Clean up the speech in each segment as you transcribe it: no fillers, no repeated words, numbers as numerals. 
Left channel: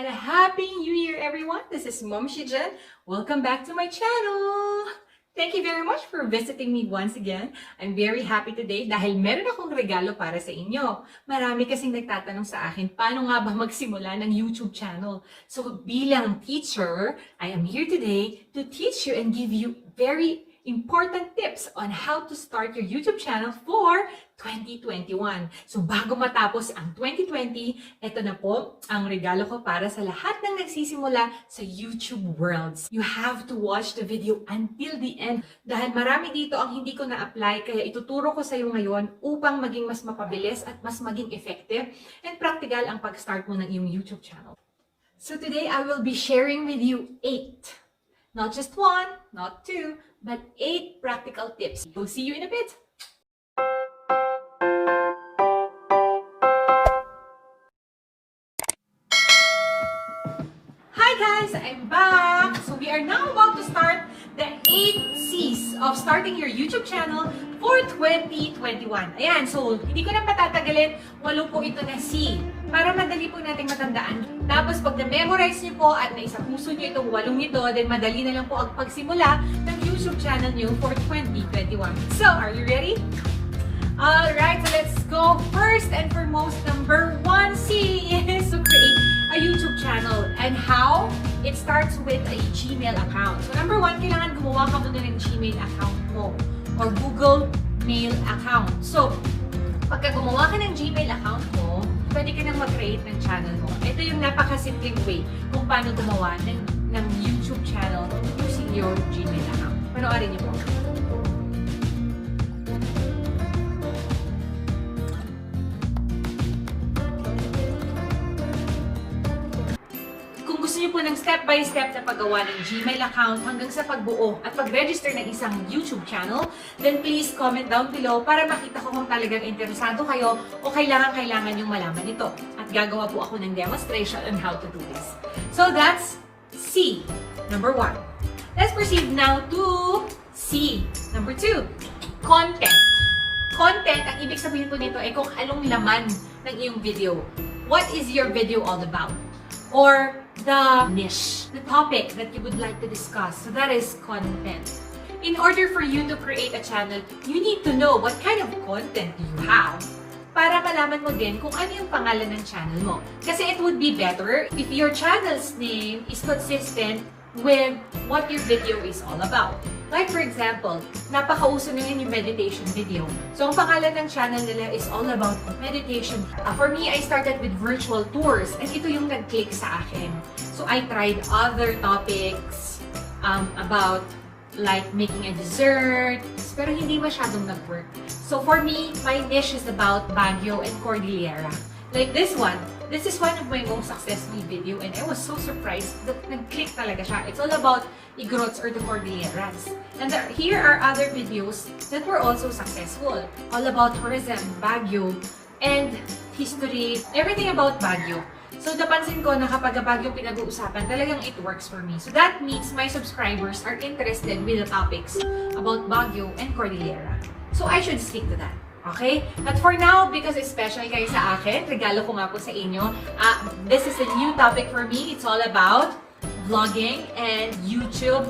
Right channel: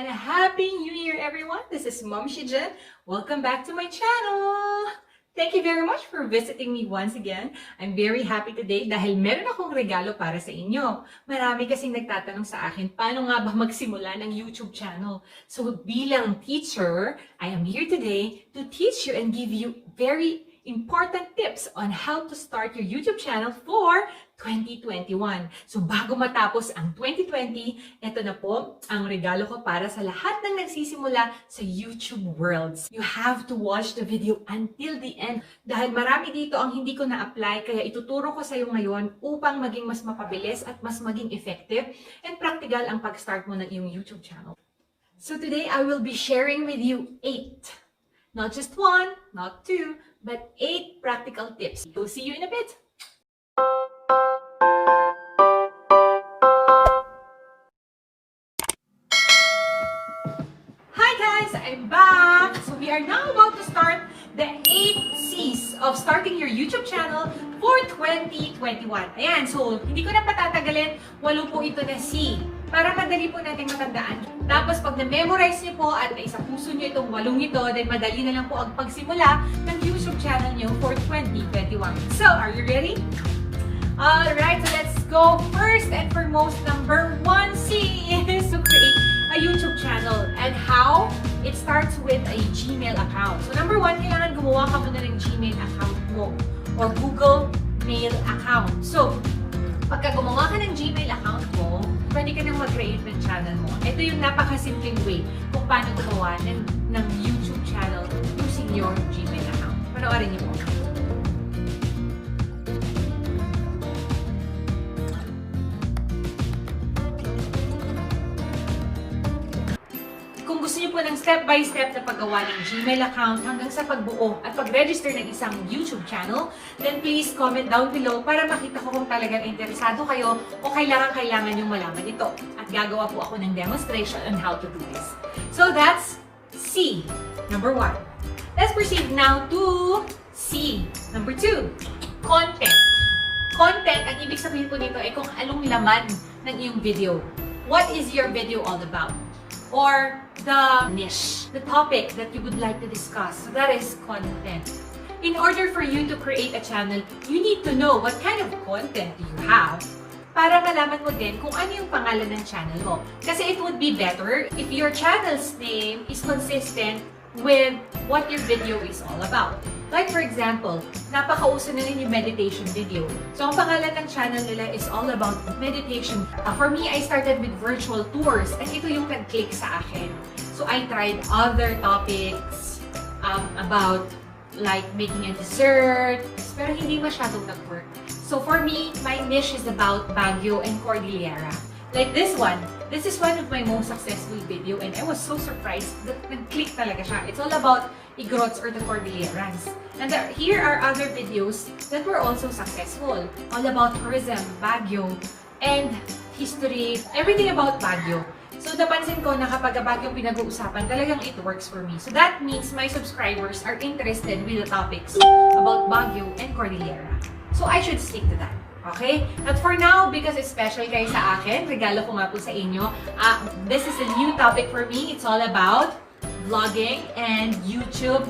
and a Happy New Year, everyone! This is Momshie Jhen. Welcome back to my channel! Thank you very much for visiting me once again. I'm very happy today dahil meron akong regalo para sa inyo. Marami kasing nagtatanong sa akin, paano nga ba magsimula ng YouTube channel? So bilang teacher, I am here today to teach you and give you very important tips on how to start your YouTube channel for 2021. So bago matapos ang 2020, ito na po ang regalo ko para sa lahat ng nagsisimula sa YouTube worlds. You have to watch the video until the end dahil marami dito ang hindi ko na-apply, kaya ituturo ko sa iyo ngayon upang maging mas mapabilis at mas maging effective and practical ang pag-start mo ng iyong YouTube channel. So today I will be sharing with you 8, not just 1, not 2, but 8 practical tips. So see you in a bit. Hi guys, I'm back. So we are now about to start the 8 C's of starting your YouTube channel for 2021. Ayan, so hindi ko na patatagalin, 8 po ito na C para madali po natin matandaan. Tapos pag na-memorize niyo po at naisa puso niyo itong 8 ito, then madali na lang po ang pagsimula ng YouTube channel niyo for 2021. So, are you ready? Alright, so let's go. First and foremost, number 1 C is to create a YouTube channel. And how? It starts with a Gmail account. So number 1, kailangan gumawa ka muna ng Gmail account mo or Google Mail account. So, pagka gumawa ka ng Gmail account mo, pwede ka nang mag-create ng channel mo. Ito yung napakasimpleng way kung paano gumawa ng YouTube channel using your Gmail account. Panoorin niyo po. Kung gusto niyo po ng step-by-step na paggawa ng Gmail account hanggang sa pagbuo at pag-register ng isang YouTube channel, then please comment down below para makita ko kung talagang interesado kayo o kailangan yung malaman ito. At gagawa po ako ng demonstration on how to do this. So that's C, number 1. Let's proceed now to C, number 2, content. Content, ang ibig sabihin po nito ay kung anong laman ng iyong video. What is your video all about? Or the niche, the topic that you would like to discuss. So that is content. In order for you to create a channel, you need to know what kind of content you have para malaman mo din kung ano yung pangalan ng channel mo. Kasi it would be better if your channel's name is consistent with what your video is all about. Like for example, napakauso na rin yung meditation video. So ang pangalan ng channel nila is all about meditation. For me, I started with virtual tours and ito yung nag-click sa akin. So I tried other topics about like making a dessert, pero hindi masyadong nag-work. So for me, my niche is about Baguio and Cordillera. Like this one. This is one of my most successful video and I was so surprised that nag-click talaga siya. It's all about Igrots or the Cordilleras. And here are other videos that were also successful. All about tourism, Baguio, and history, everything about Baguio. So napansin ko na kapag Baguio pinag-uusapan, talagang it works for me. So that means my subscribers are interested with the topics about Baguio and Cordillera. So I should stick to that. Okay? But for now, because it's special kayo sa akin, regalo ko nga po sa inyo, this is a new topic for me. It's all about vlogging and YouTube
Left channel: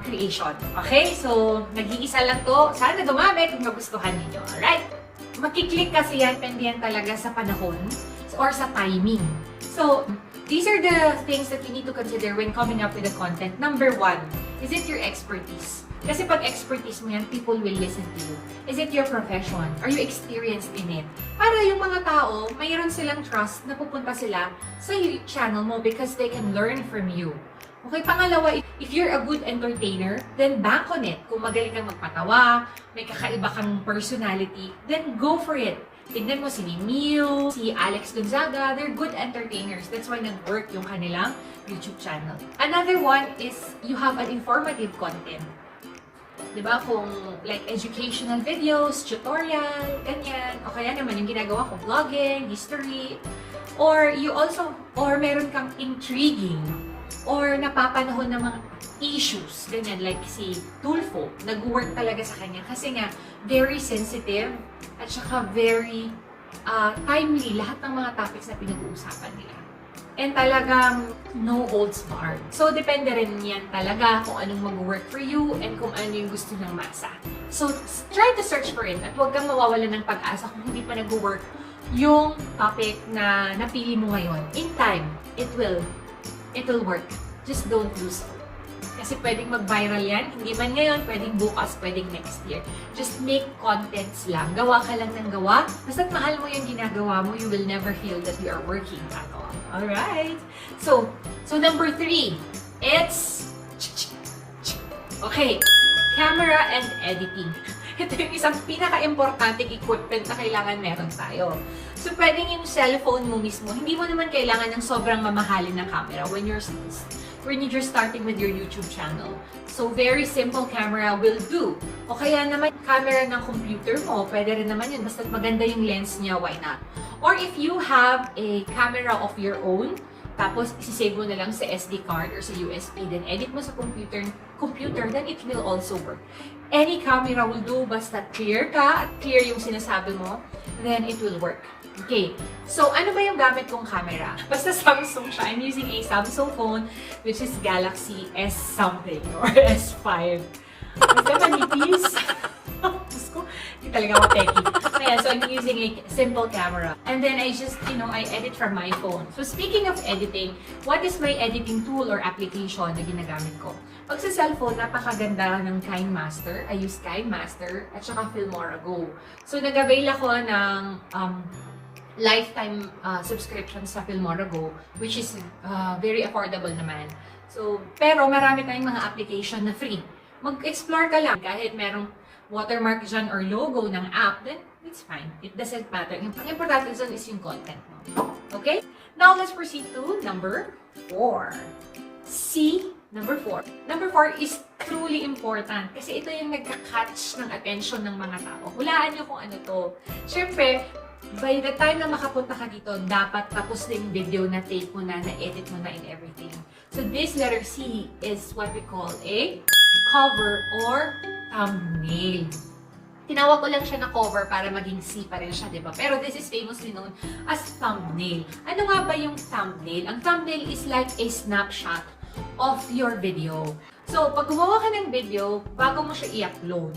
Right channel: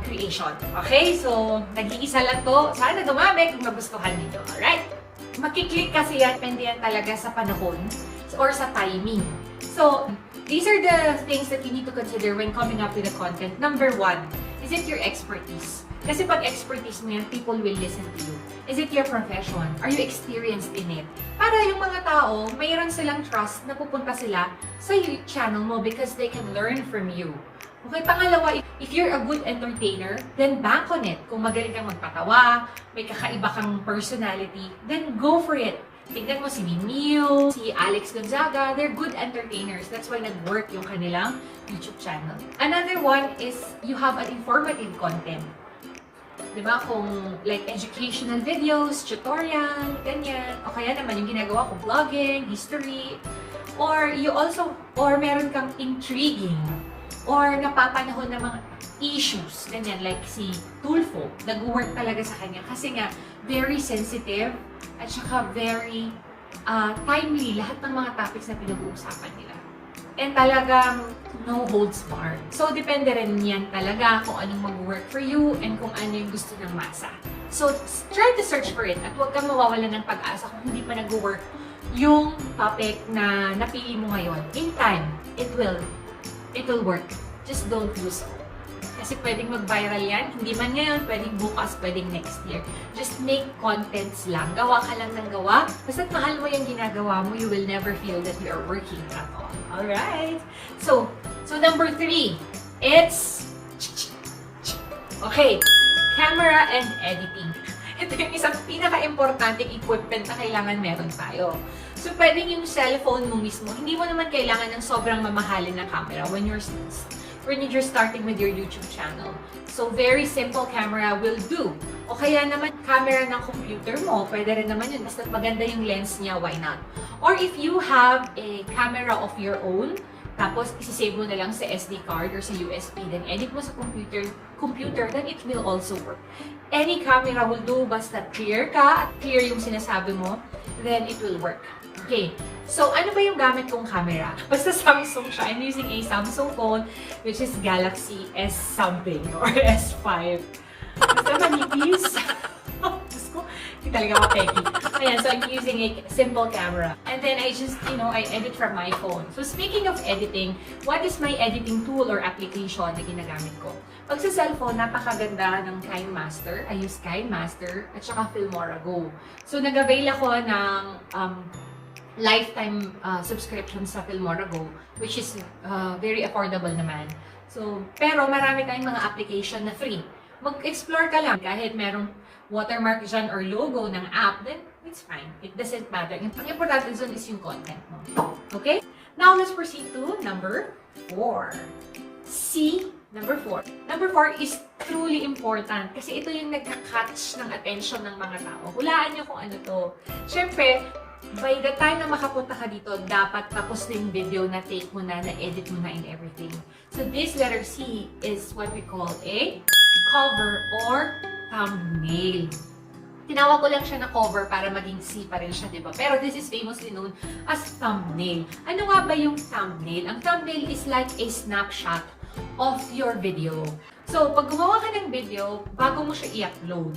creation. Okay? So, nag-iisa lang to. Sana dumami kung nagustuhan niyo. Alright? Makiklik kasi yan, pende yan talaga sa panahon or sa timing. So, these are the things that you need to consider when coming up with a content. Number 1, is it your expertise? Kasi pag expertise mo yan, people will listen to you. Is it your profession? Are you experienced in it? Para yung mga tao, mayroon silang trust na pupunta sila sa channel mo because they can learn from you. Okay, pangalawa, if you're a good entertainer, then bank on it. Kung magaling kang magpatawa, may kakaiba kang personality, then go for it. Tignan mo si Mimio, si Alex Gonzaga, they're good entertainers. That's why nag-work yung kanilang YouTube channel. Another one is you have an informative content. Diba? Kung like educational videos, tutorial, ganyan. O kaya naman yung ginagawa ko, vlogging, history. Or you also, or meron kang intriguing or napapanahon ng mga issues. Ganyan, like si Tulfo. Nag-work talaga sa kanya kasi nga very sensitive at saka very timely lahat ng mga topics na pinag-uusapan nila. And talagang no holds barred. So, depende rin yan talaga kung anong mag-work for you and kung ano yung gusto ng masa. So, try to search for it at huwag kang mawawalan ng pag-asa kung hindi pa nag-work yung topic na napili mo ngayon. In time, it will work. Just don't lose it. Kasi pwedeng mag-viral yan. Hindi man ngayon, pwedeng bukas, pwedeng next year. Just make contents lang. Gawa ka lang ng gawa. Basta't mahal mo yung ginagawa mo, you will never feel that you are working at all. Alright? So number 3, it's okay, camera and editing. Ito yung isang pinaka-importanting equipment na kailangan meron tayo. So, pwedeng yung cellphone mo mismo. Hindi mo naman kailangan ng sobrang mamahalin na camera when you're starting with your YouTube channel. So, very simple camera will do. O kaya naman, camera ng computer mo, pwede rin naman yun. Basta maganda yung lens niya, why not? Or if you have a camera of your own, tapos isi-save mo na lang sa SD card or sa USB, then edit mo sa computer, then it will also work. Any camera will do, basta clear ka at clear yung sinasabi mo, then it will work. Okay, so ano ba yung gamit kong camera? Basta Samsung siya. I'm using a Samsung phone, which is Galaxy S something or S5. Basta manipis. Hindi talaga ako techie. Ayan, so I'm using a simple camera. And then I just, I edit from my phone. So speaking of editing, what is my editing tool or application na ginagamit ko? Pag sa cellphone, napakaganda ng KineMaster. I use KineMaster at saka Filmora Go. So nag-avail ako ng lifetime subscription sa Filmora Go, which is very affordable naman. So, pero marami tayong mga application na free. Mag-explore ka lang. Kahit merong watermark dyan or logo ng app, then it's fine. It doesn't matter. Ang importante dyan is yung content mo. Okay? Now, let's proceed to number 4. Number 4. Number 4 is truly important kasi ito yung nagka-catch ng attention ng mga tao. Hulaan nyo kung ano to. Siyempre, by the time na makapunta ka dito, dapat tapos na yung video na take mo na, na-edit mo na and everything. So, this letter C is what we call a cover or thumbnail. Tinawag ko lang siya na cover para maging C pa rin siya, di ba? Pero this is famously known as thumbnail. Ano nga ba yung thumbnail? Ang thumbnail is like a snapshot of your video. So, pag gumawa ka ng video, bago mo siya i-upload,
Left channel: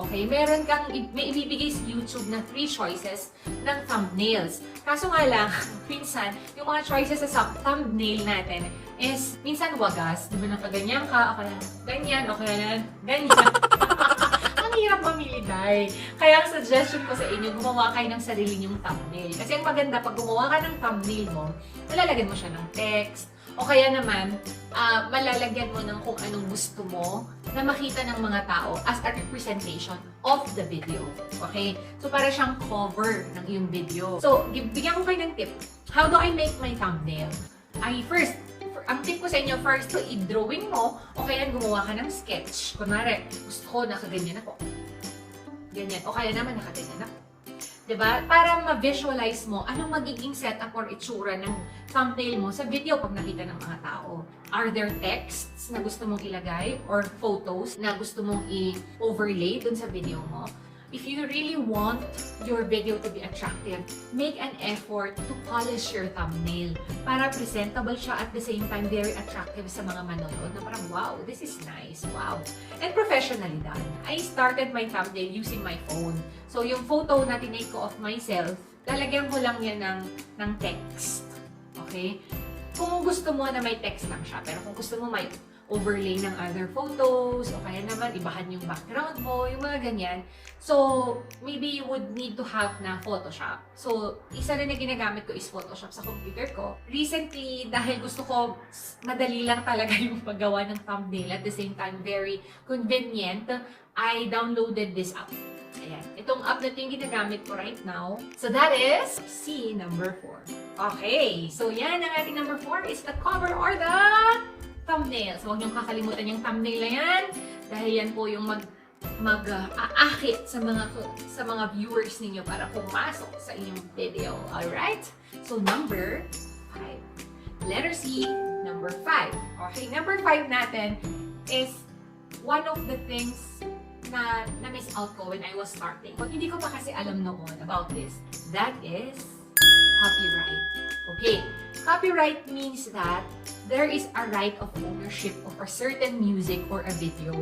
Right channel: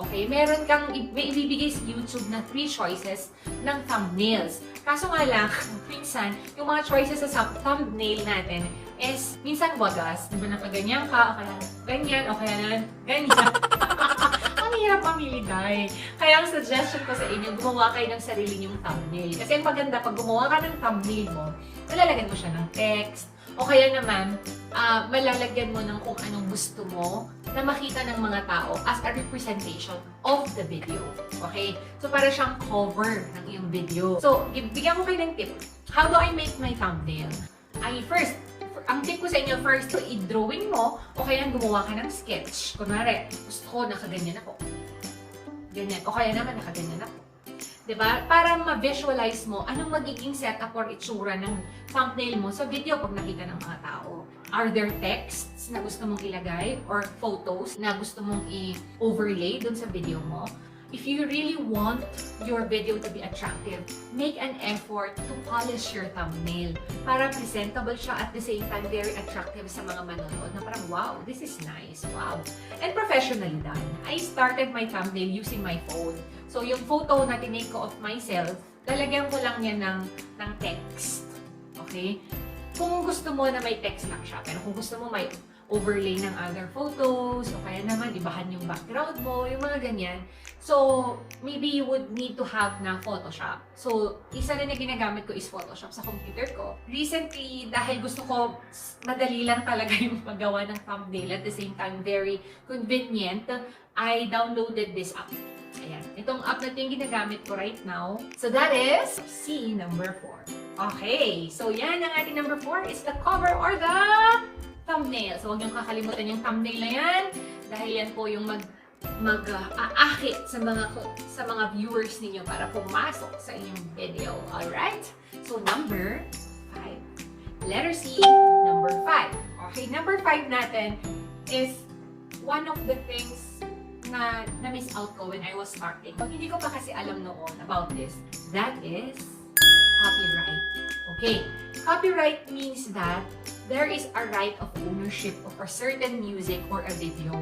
okay, meron kang ibibigay sa YouTube na 3 choices ng thumbnails. Kaso nga lang, minsan, yung mga choices sa thumbnail natin is minsan wagas. Diba na pag ganyan ka, o kaya ganyan, o kaya ganyan. Ang hirap mamili tayo. Kaya ang suggestion ko sa inyo, gumawa kayo ng sarili niyong thumbnail. Kasi ang maganda, pag gumawa ka ng thumbnail mo, nalalagyan mo siya ng text, o kaya naman, malalagyan mo ng kung anong gusto mo na makita ng mga tao as a representation of the video. Okay? So, para siyang cover ng iyong video. So, bigyan ko kayo ng tip. How do I make my thumbnail? Ang tip ko sa inyo, first, i-drawing mo o kaya gumawa ka ng sketch. Kunwari, gusto ko nakaganyan ako. Ganyan. O kaya naman nakaganyan ako. Diba? Para ma-visualize mo anong magiging setup or itsura ng thumbnail mo sa video pag nakita ng mga tao. Are there texts na gusto mong ilagay or photos na gusto mong i-overlay dun sa video mo? If you really want your video to be attractive, make an effort to polish your thumbnail para presentable siya at the same time very attractive sa mga manonood. Parang, wow, this is nice. Wow. And professionally done. I started my thumbnail using my phone. So, yung photo na tinake ko of myself, lalagyan ko lang yan ng text. Okay? Kung gusto mo na may text lang siya, pero kung gusto mo may overlay ng other photos, o kaya naman ibahan yung background mo, yung mga ganyan. So, maybe you would need to have na Photoshop. So, isa rin na ginagamit ko is Photoshop sa computer ko. Recently, dahil gusto ko madali lang talaga yung paggawa ng thumbnail, at the same time very convenient, I downloaded this app. Ayan. Itong app na ito yung ginagamit ko right now. So, that is number 4. Okay. So, yan ang ating number 4 is the cover or the thumbnail. So, huwag niyong kakalimutan yung thumbnail na yan dahil yan po yung mag-aakit sa mga viewers ninyo para pumasok sa inyong video. Alright? So, number 5. Letter C, number 5. Okay, number 5 natin is one of the things na miss out ko when I was starting. Pag hindi ko pa kasi alam noon about this, that is copyright. Okay, Copyright means that there is a right of ownership of a certain music or a video.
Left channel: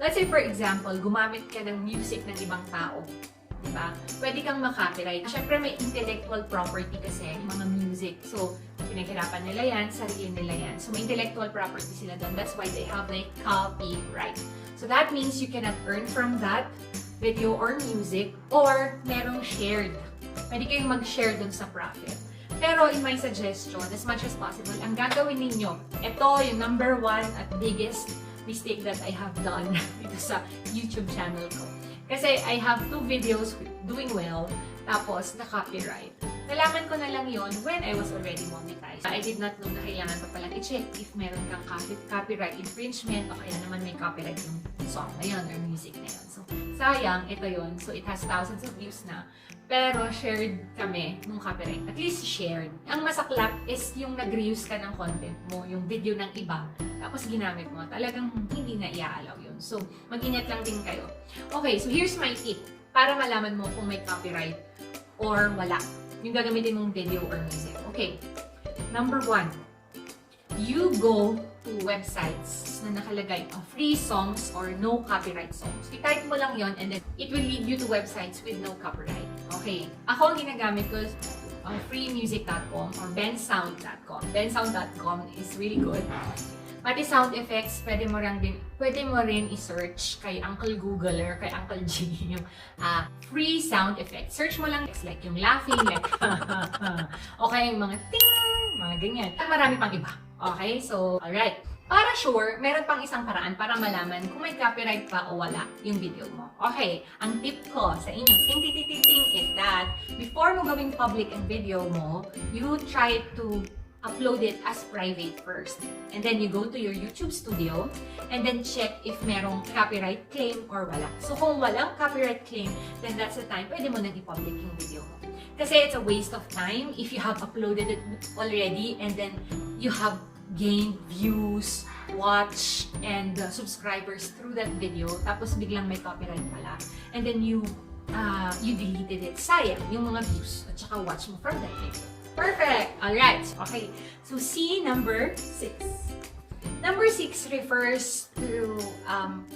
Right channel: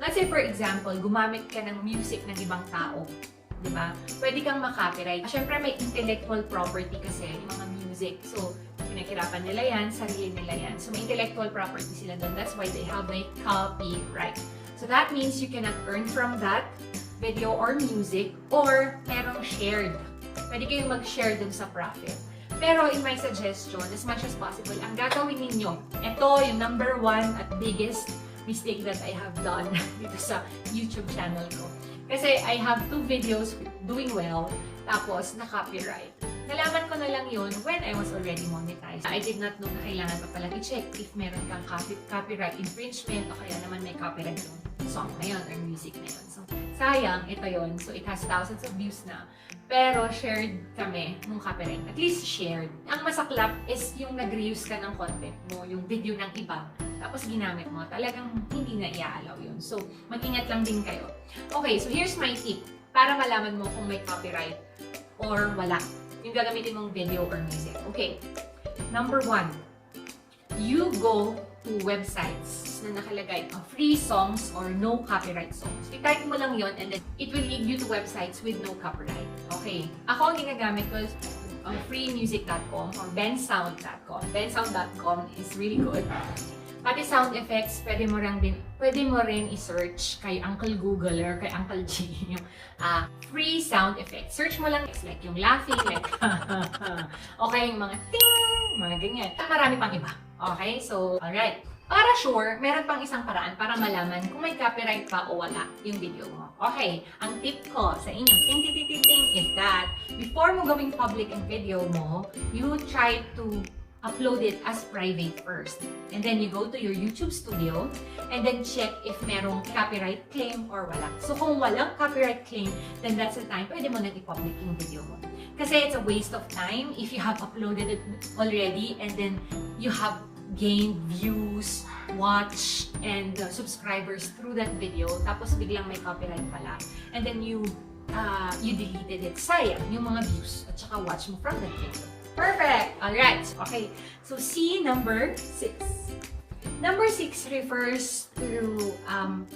Let's say, for example, gumamit ka ng music ng ibang tao. Diba? Pwede kang makopyright. Siyempre, may intellectual property kasi yung mga music. So, pinaghirapan nila yan, sarili nila yan. So, intellectual property sila doon. That's why they have a copyright. So, that means you cannot earn from that video or music or merong shared. Pwede kayong mag-share dun sa profit. Pero in my suggestion, as much as possible, ang gagawin ninyo, ito yung number 1 at biggest mistake that I have done dito sa YouTube channel ko. Kasi I have 2 videos doing well, tapos na-copyright. Nalaman ko na lang yon when I was already monetized. I did not know na kailangan pa pala i-check if meron kang copyright infringement o kaya naman may copyright yung song na yun or music na yun. So, sayang, ito yon. So, it has thousands of views na. Pero, shared kami ng copyright. At least, shared. Ang masaklap is yung nag-reuse ka ng content mo, yung video ng iba, tapos ginamit mo. Talagang hindi na iaalaw yun. So, mag-ingat lang din kayo. Okay, so here's my tip para malaman mo kung may copyright or wala yung gagamitin mong video or music. Okay, number 1, you go to websites na nakalagay free songs or no copyright songs. I-type mo lang yon and then it will lead you to websites with no copyright. Okay, ako ang ginagamit ko ang freemusic.com or bensound.com. Bensound.com is really good. Pati sound effects, pwede mo rin i-search kay Uncle Google or kay Uncle G yung free sound effects. Search mo lang like yung laughing, like okay, yung mga ting, mga ganyan. Marami pang iba. Okay, so alright. Para sure, meron pang isang paraan para malaman kung may copyright pa o wala yung video mo. Okay, ang tip ko sa inyo, ting is that before mo gawing public ang video mo, you try to upload it as private first. And then you go to your YouTube studio and then check if merong copyright claim or wala. So kung walang copyright claim, then that's the time pwede mo nang i-public yung video mo. Kasi it's a waste of time if you have uploaded it already and then you have gained views, watch, and subscribers through that video, tapos biglang may copyright pala. And then you deleted it. Sayang yung mga views at saka watch mo from that video. Perfect! Alright. Okay. So, C, number 6. Number 6 refers to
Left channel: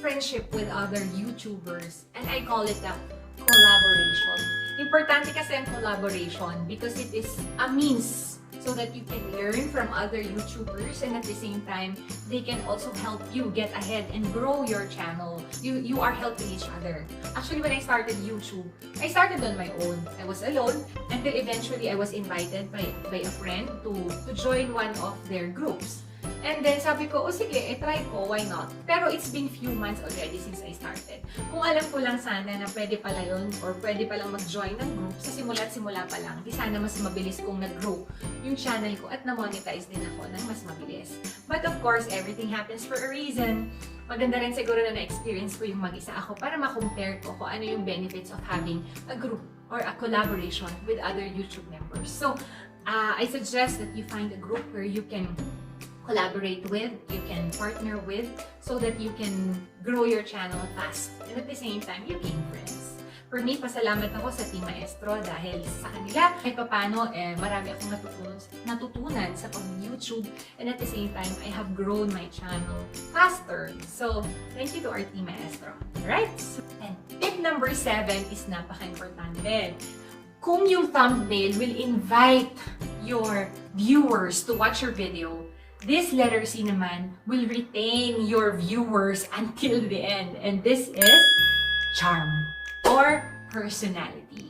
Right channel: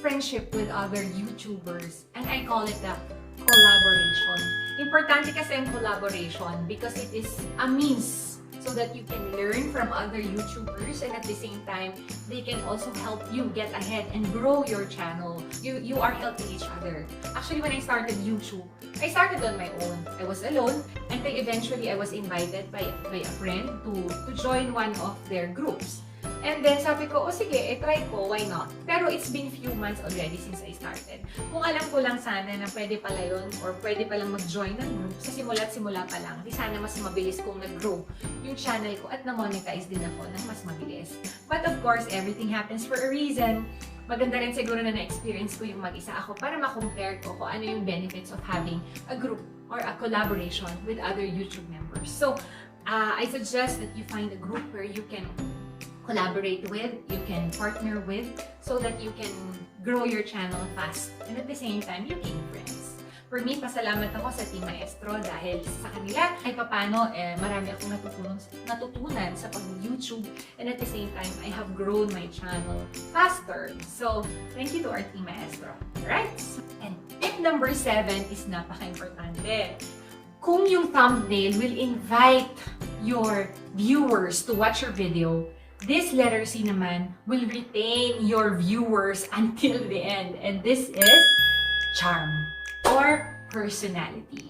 friendship with other YouTubers. And I call it a collaboration. Importante kasi ang collaboration because it is a means so that you can learn from other YouTubers and at the same time, they can also help you get ahead and grow your channel. You are helping each other. Actually, when I started YouTube, I started on my own. I was alone until eventually I was invited by a friend to join one of their groups. And then sabi ko, sige, try ko, why not? Pero it's been few months already since I started. Kung alam ko lang sana na pwede pala yun or pwede palang mag-join ng group sa simula pa lang, di sana mas mabilis kong nag-grow yung channel ko at na-monetize din ako ng mas mabilis. But of course, everything happens for a reason. Maganda rin siguro na na-experience ko yung mag-isa ako para ma-compare ko kung ano yung benefits of having a group or a collaboration with other YouTube members. So, I suggest that you find a group where you can collaborate with, you can partner with, so that you can grow your channel fast. And at the same time, you gain friends. For me, pasalamat ako sa Team Maestro dahil sa kanila, kahit paano, marami akong natutunan sa pag-YouTube. And at the same time, I have grown my channel faster. So, thank you to our Team Maestro. Alright? And tip number 7 is napaka-importante. Kung yung thumbnail will invite your viewers to watch your video, this letter C naman will retain your viewers until the end. And this is charm or personality.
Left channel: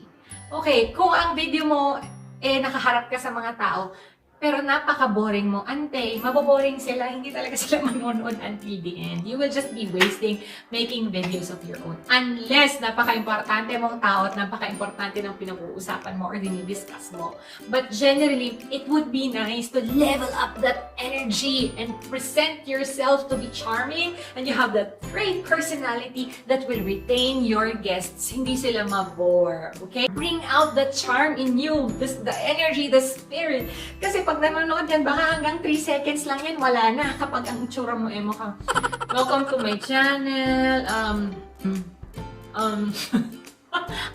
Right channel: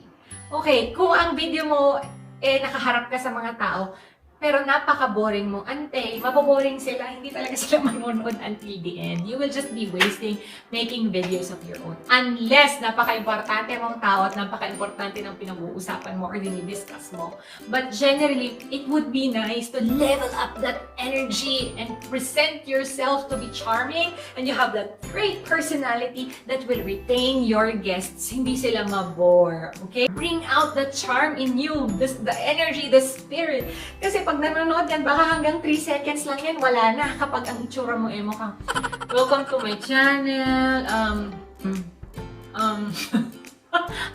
Okay, kung ang video mo nakaharap ka sa mga tao, pero napaka-boring mo, maboboring sila, hindi talaga sila manonood until the end. You will just be wasting making videos of your own. Unless napaka-importante mong tao at napaka-importante ng pinag-uusapan mo or dinidiscuss mo. But generally, it would be nice to level up that energy and present yourself to be charming and you have that great personality that will retain your guests. Hindi sila mabore, okay? Bring out the charm in you, the energy, the spirit. Kasi pag nanonood yan, baka hanggang 3 seconds lang yan, wala na. Kapag ang itsura mo mukhang, welcome to my channel,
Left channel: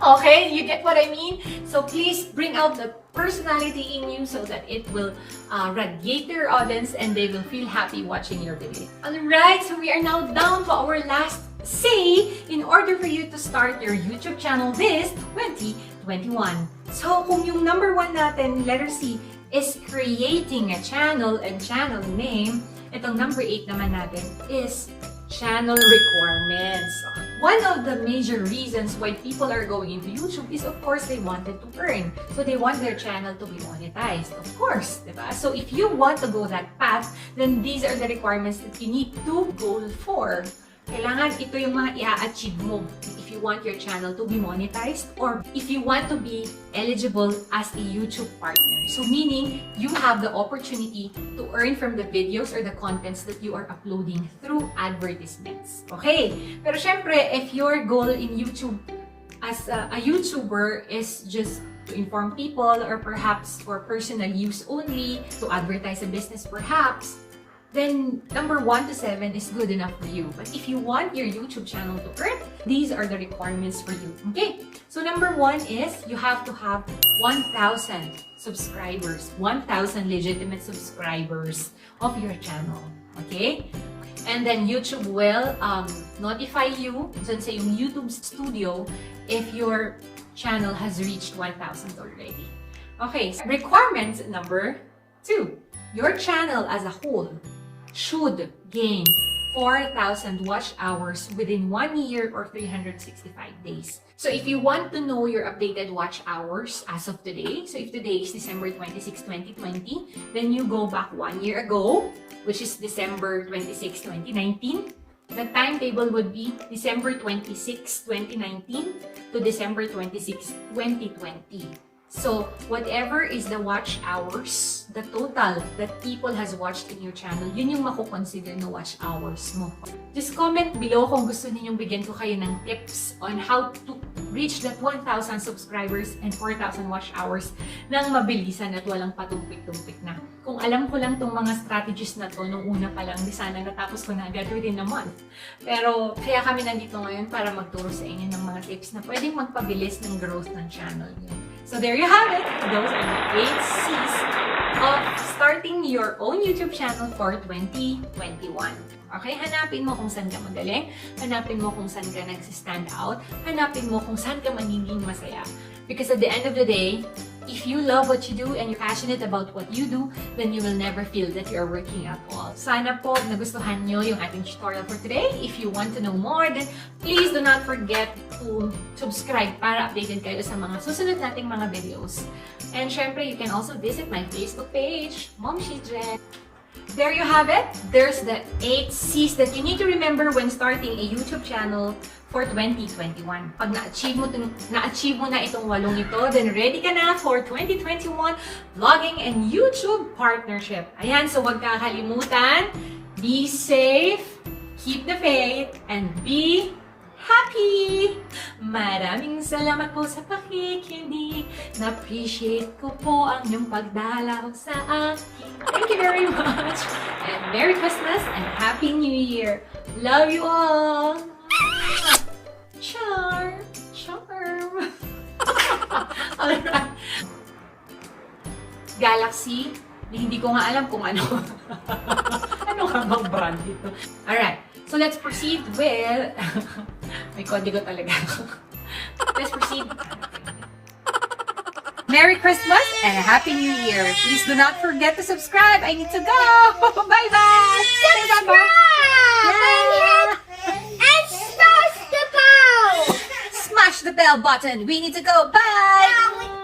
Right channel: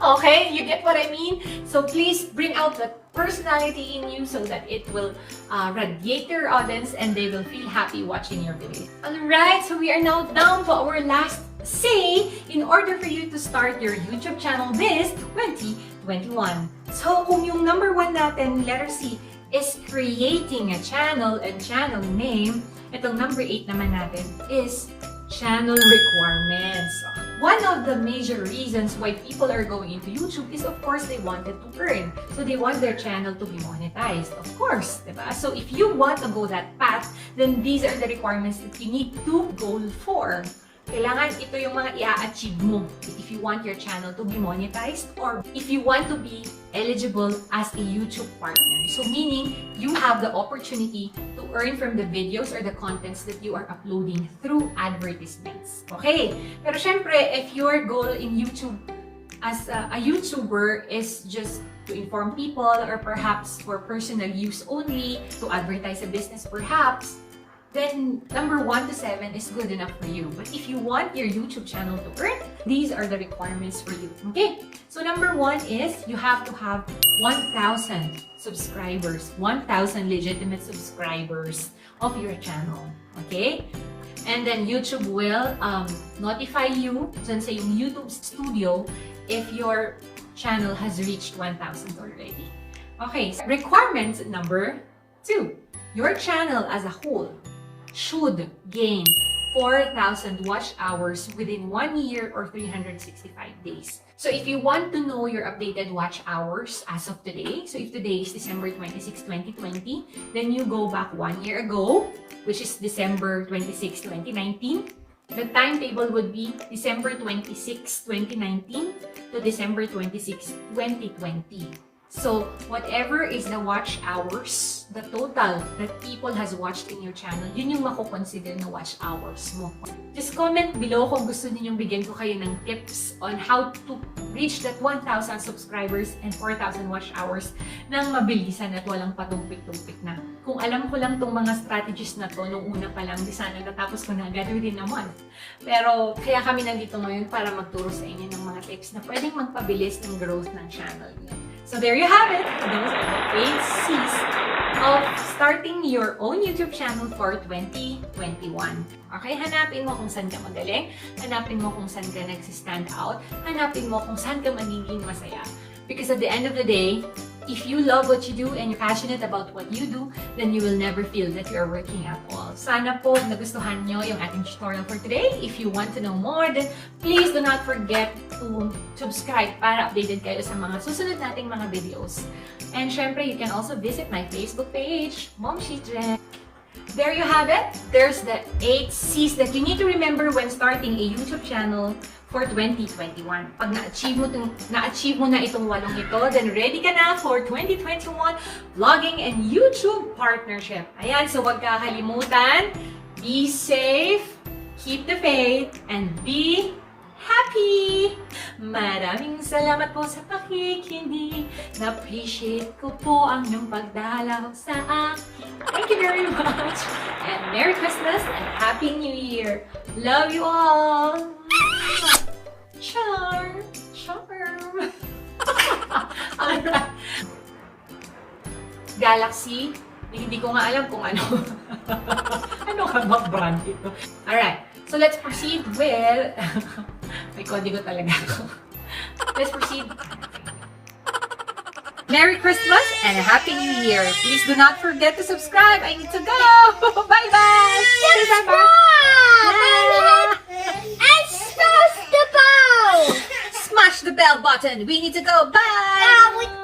Okay, you get what I mean? So please bring out the personality in you so that it will radiate your audience and they will feel happy watching your video. Alright, so we are now down to our last C in order for you to start your YouTube channel this 2021. So kung yung number 1 natin, letter C, is creating a channel and channel name, itong number 8 naman natin is channel requirements. One of the major reasons why people are going into YouTube is, of course, they wanted to earn. So they want their channel to be monetized, of course, diba? So if you want to go that path, then these are the requirements that you need to go for. Kailangan ito yung mga i-achieve mo if you want your channel to be monetized or if you want to be eligible as a YouTube partner. So meaning, you have the opportunity to earn from the videos or the contents that you are uploading through advertisements. Okay? Pero syempre, if your goal in YouTube as a YouTuber is just to inform people or perhaps for personal use only, to advertise a business perhaps, then number 1 to 7 is good enough for you. But if you want your YouTube channel to earn, these are the requirements for you. Okay? So number 1 is you have to have 1,000 subscribers, 1,000 legitimate subscribers of your channel. Okay? And then YouTube will notify you dun sa yung YouTube Studio if your channel has reached 1,000 already. Okay, so requirements number 2. Your channel as a whole should gain 4,000 watch hours within 1 year or 365 days. So if you want to know your updated watch hours as of today, so if today is December 26, 2020, then you go back 1 year ago, which is December 26, 2019. The timetable would be December 26, 2019 to December 26, 2020. So, whatever is the watch hours, the total that people has watched in your channel, yun yung mako-consider na watch hours mo. Just comment below kung gusto ninyong bigyan ko kayo ng tips on how to reach that 1,000 subscribers and 4,000 watch hours nang mabilisan at walang patumpik-tumpik na. Kung alam ko lang tong mga strategies na to nung una pa lang, di sana natapos ko na agad within a month. Pero, kaya kami nandito ngayon para magturo sa inyo ng mga tips na pwedeng magpabilis ng growth ng channel niyo. So there you have it. Those are the 8 C's of starting your own YouTube channel for 2021. Okay, hanapin mo kung saan ka magaling, hanapin mo kung saan ka nagsistand out, hanapin mo kung saan ka magiging masaya. Because at the end of the day, if you love what you do and you're passionate about what you do, then you will never feel that you're working at all. Sana po nagustuhan nyo yung ating tutorial for today. If you want to know more, then please do not forget to subscribe para updated kayo sa mga susunod nating mga videos. And syempre, you can also visit my Facebook page, Momshie Jhen. There you have it. There's the 8 C's that you need to remember when starting a YouTube channel for 2021. Pag na-achieve mo na itong 8 ito, then ready ka na for 2021 vlogging and YouTube partnership. Ayan, so huwag kakalimutan, be safe, keep the faith, and be happy! Maraming salamat po sa pakikinig. Na-appreciate ko po ang iyong pagdalaw sa akin. Thank you very much. And Merry Christmas and Happy New Year. Love you all! Charm! Charm! Alright. Galaxy. Hindi ko nga alam kung ano. Ano ka bang brand dito? Alright. So let's proceed with... May kodigo talaga ako. Let's proceed. Merry Christmas and Happy New Year. Please do not forget to subscribe. I need to go. Bye-bye. Subscribe! And smash the bell! Smash the bell button. We need to go. Bye.